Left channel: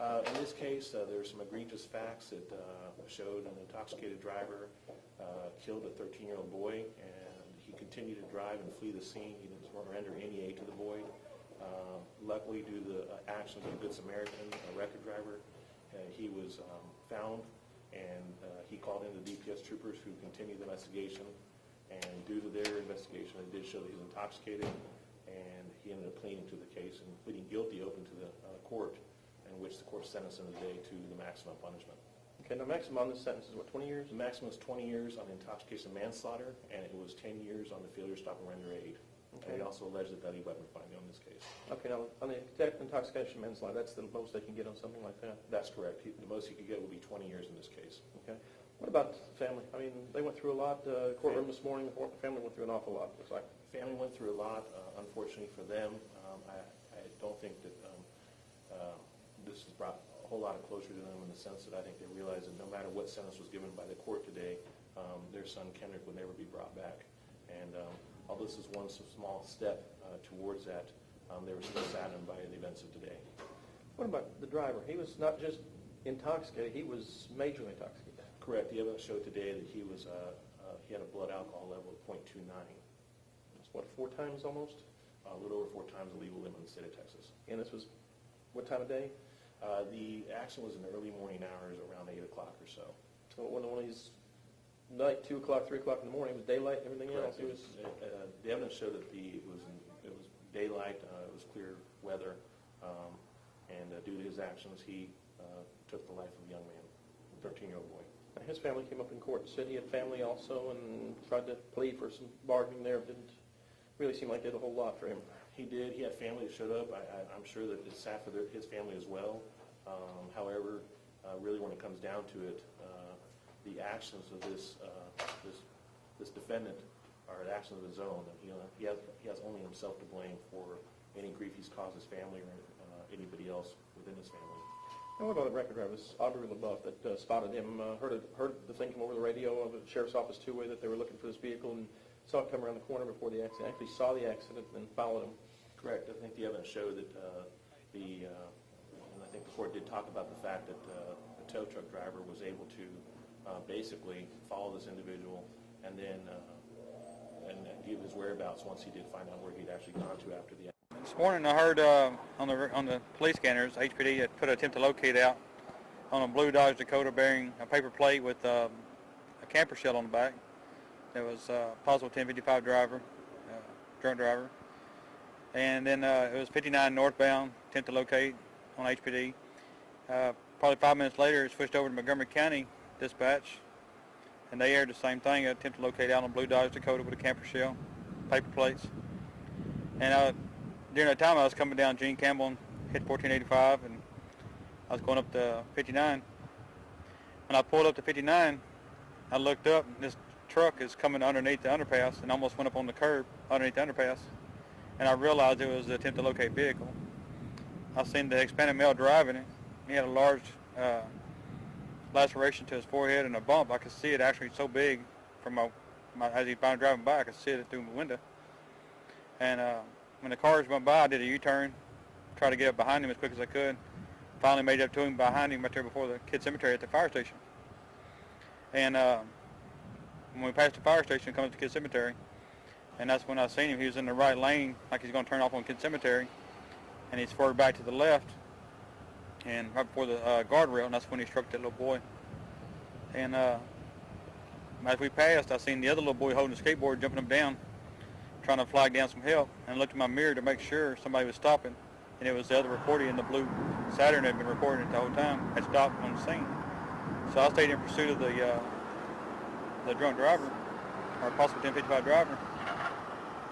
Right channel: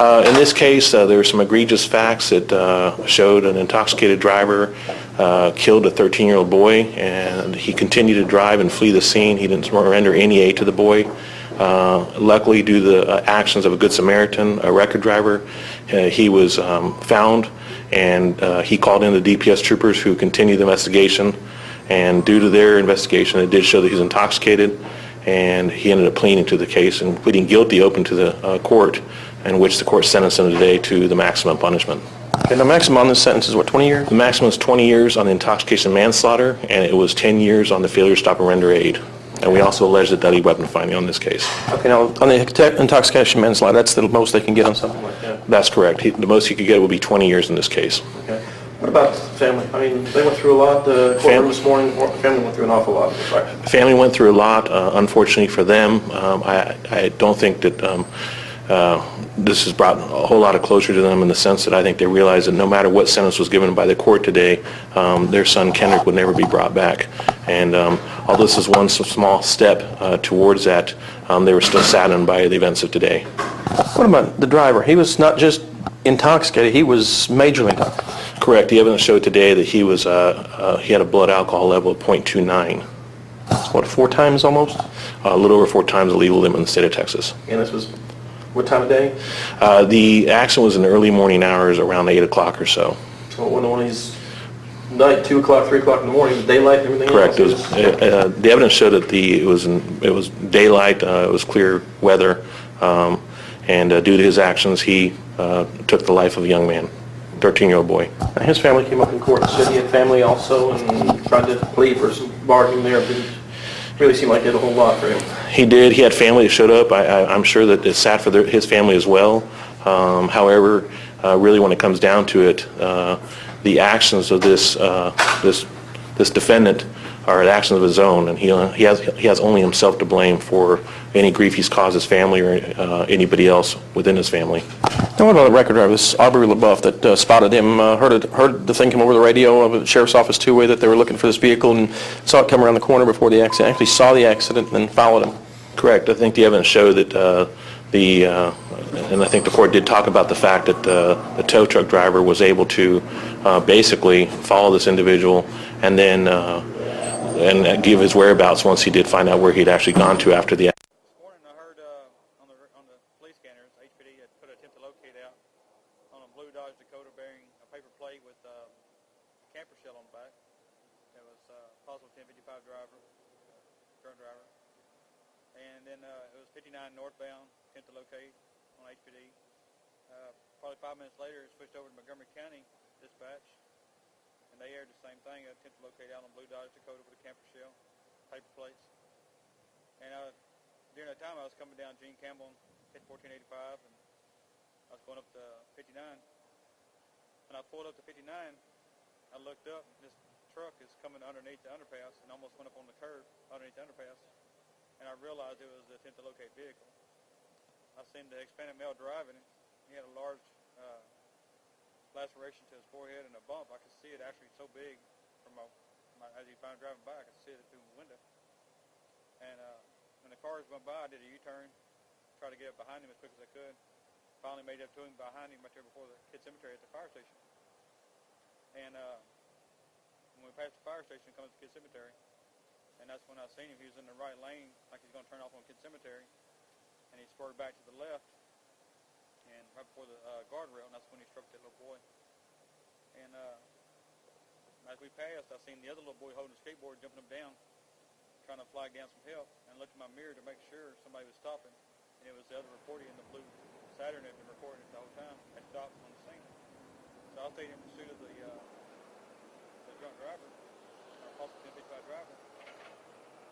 In this case, there were some egregious facts that showed an intoxicated driver killed a 13-year-old boy, and he continued to drive and flee the scene. He didn't render any aid to the boy. Luckily, due to the actions of a Good Samaritan, a record driver, he was found, and he called in the DPS troopers who continued the investigation. And due to their investigation, it did show that he was intoxicated, and he ended up pleading to the case and pleading guilty open to the court, in which the court sentenced him today to the maximum punishment. And the maximum on this sentence is what, 20 years? The maximum is 20 years on intoxication manslaughter, and it was 10 years on the failure to stop and render aid. And we also allege the deadly weapon finding on this case. Okay, now on the intoxication manslaughter, that's the most they can get on something like that? That's correct. The most he could get would be 20 years in this case. Okay. What about family? I mean, they went through a lot. The courtroom this morning, family went through an awful lot. Right? Family went through a lot. Unfortunately for them, I don't think that this has brought a whole lot of closure to them, in the sense that I think they realize that no matter what sentence was given by the court today, their son Kendrick would never be brought back. And although this is one small step towards that, they were still saddened by the events of today. What about the driver? He was not just intoxicated, he was majorly intoxicated. Correct. The evidence showed today that he was he had a blood alcohol level of 0.29. That's what, 4 times almost? A little over 4 times the legal limit in the state of Texas. And this was what time of day? The accident was in the early morning hours, around 8 o'clock or so. So one of these night, 2 o'clock, 3 o'clock in the morning, daylight and everything Correct. else? The evidence showed that it was daylight, it was clear weather, and due to his actions, he took the life of a young man, 13-year-old boy. Now, his family came up in court and said he had family also and tried to plead for some bargaining there, but it really seemed like it did a whole lot for him. He did. He had family that showed up. I'm sure that it's sad for his family as well. However, really when it comes down to it, the actions of this defendant are actions of his own, and he has only himself to blame for any grief he's caused his family or anybody else within his family. Now what about the record driver, this Aubrey LaBeouf that spotted him, heard the thing come over the radio of the sheriff's office two-way that they were looking for this vehicle and saw it come around the corner before the accident, actually saw the accident and then followed him? Correct. I think the evidence showed that and I think the court did talk about the fact that the tow truck driver was able to basically follow this individual and then and give his whereabouts once he did find out where he'd actually gone to after the accident. This morning I heard on the police scanners, HPD had put an attempt to locate out on a blue Dodge Dakota bearing a paper plate with a camper shell on the back. There was a possible 1055 driver, drunk driver. And then it was 59 northbound, attempt to locate on HPD. Probably 5 minutes later, it switched over to Montgomery County Dispatch, and they aired the same thing, an attempt to locate out on blue Dodge Dakota with a camper shell, paper plates. And during that time, I was coming down Gene Campbell and hit 1485, and I was going up to 59. When I pulled up to 59, I looked up, and this truck is coming underneath the underpass and almost went up on the curb underneath the underpass. And I realized it was the attempt to locate vehicle. I seen the Hispanic male driving it. He had a large laceration to his forehead and a bump. I could see it actually so big from as he was driving by. I could see it through my window. And when the cars went by, I did a U-turn, tried to get up behind him as quick as I could. Finally made it up to him behind him right there before the kid cemetery at the fire station. And when we passed the fire station, come up to the kid cemetery, and that's when I seen him. He was in the right lane, like he's going to turn off on Kid Cemetery, and he swerved back to the left, and right before the guardrail, and that's when he struck that little boy. And as we passed, I seen the other little boy holding the skateboard, jumping him down, trying to flag down some help, and I looked in my mirror to make sure somebody was stopping, and it was the other reporter in the blue Saturn that had been recording it the whole time, had stopped on the scene. So I stayed in pursuit of the drunk driver, or possible 1055 driver.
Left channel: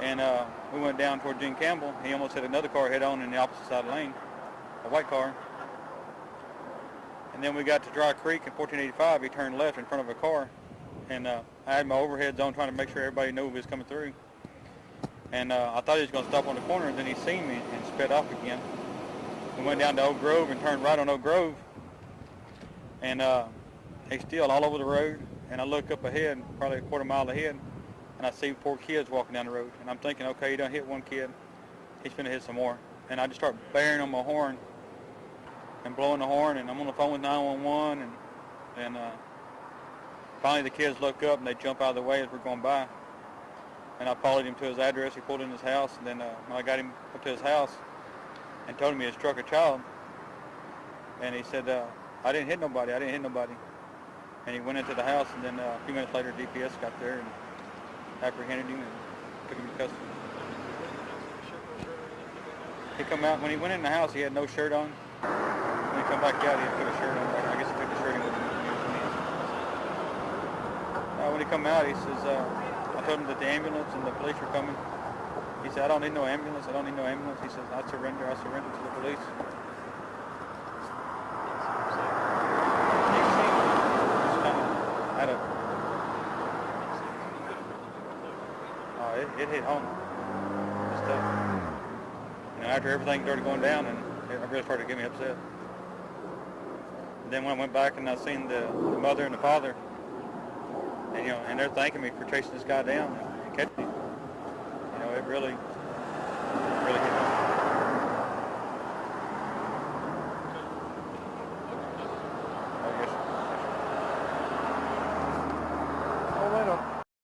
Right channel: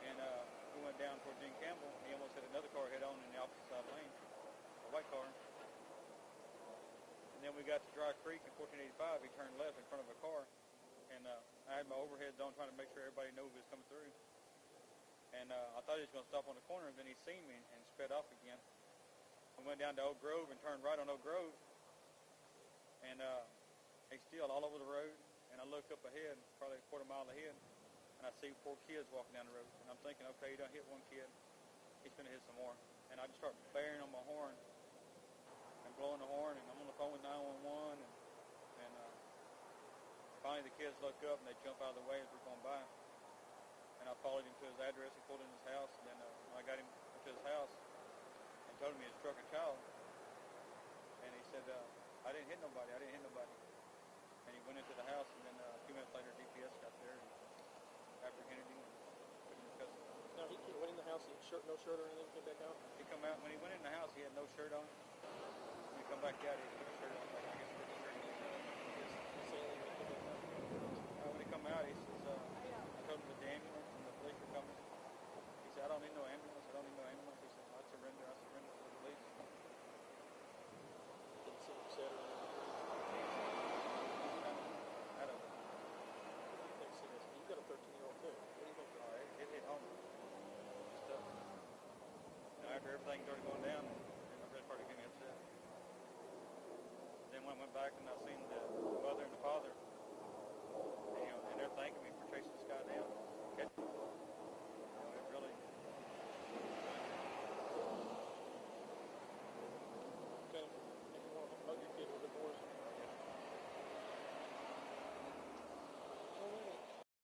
And we went down toward Gene Campbell. He almost hit another car head-on in the opposite side of the lane, a white car. And then we got to Dry Creek in 1485. He turned left in front of a car. And I had my overheads on trying to make sure everybody knew he was coming through. And I thought he was going to stop on the corner, and then he seen me and sped off again. We went down to Oak Grove and turned right on Oak Grove. And he's still all over the road. And I look up ahead, probably a quarter mile ahead, and I see 4 kids walking down the road. And I'm thinking, okay, he done hit one kid. He's going to hit some more. And I just start bearing on my horn. and blowing the horn, and I'm on the phone with 911, and finally the kids look up and they jump out of the way as we're going by. And I followed him to his address. He pulled in his house, and then I got him up to his house and told him he had struck a child. And he said, I didn't hit nobody, I didn't hit nobody. And he went into the house, and then a few minutes later DPS got there and apprehended him and took him to custody. He come out, when he went in the house, he had no shirt on. When he come back out, he had put a shirt on. I guess he took the shirt in with him when he was in his. When he come out, he says, I told him that the ambulance and the police were coming. He said, I don't need no ambulance, I don't need no ambulance. He says, I surrender to the police. It hit home. Just, after everything started going down, and it really started to get me upset. And then when I went back and I seen the mother and the father, and and they're thanking me for chasing this guy down and catching him. It really